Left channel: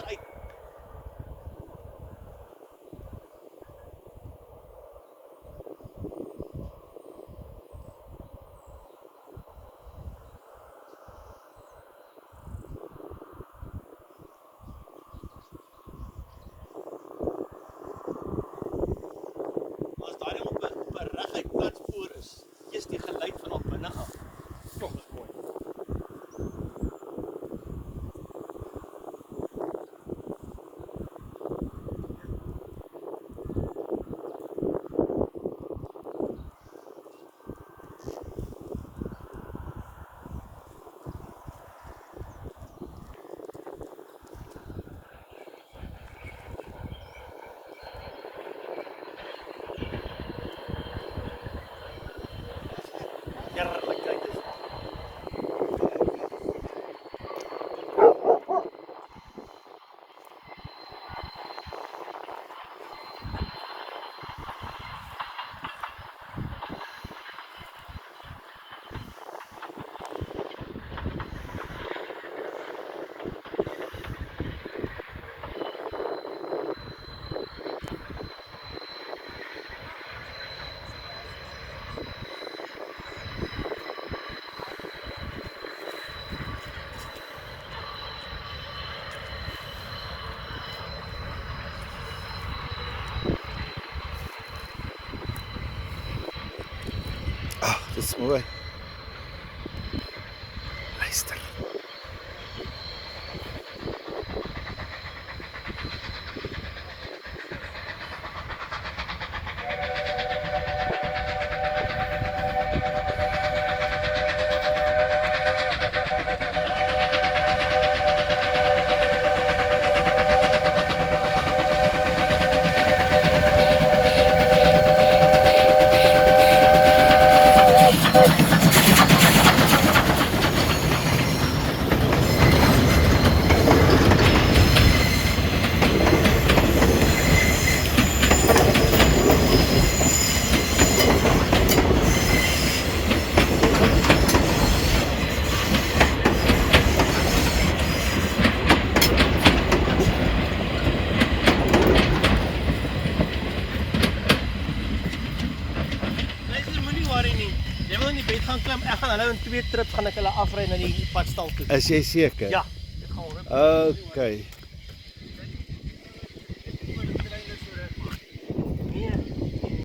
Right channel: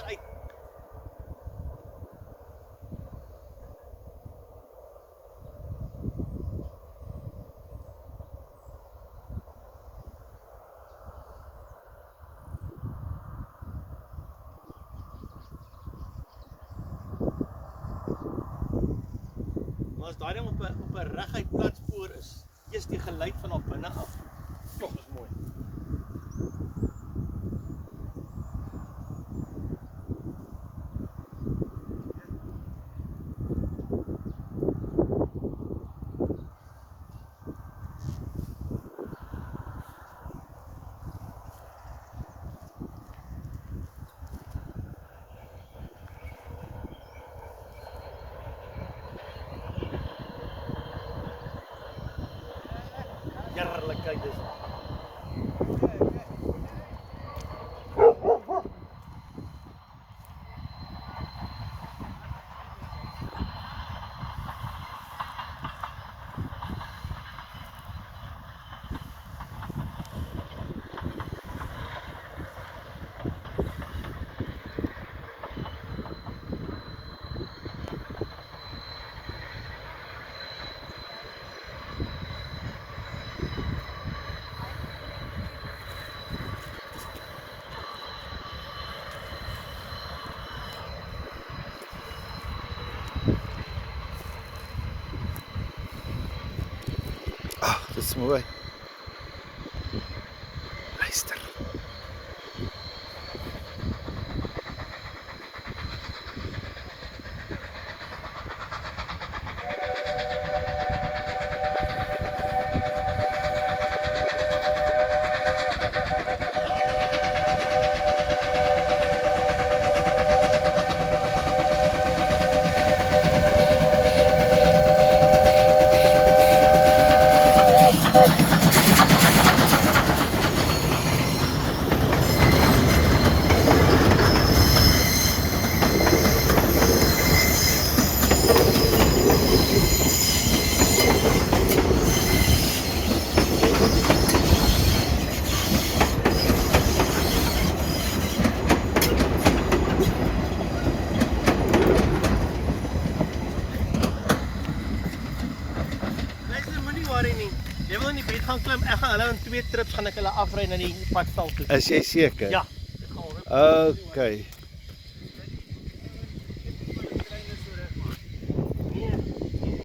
agteruit. As daai nou op 'n reguit platspoor is, eers die geluid van op binne af. Kom, dis mooi. Heerlik, kyk dis. Ag, dit is mooi. Luister. Jy wil in die bed gaan klim, ek gaan hulle in 2 trips gaan ek hulle afry na die padstal toe. Is jy seker? Ja. Okay.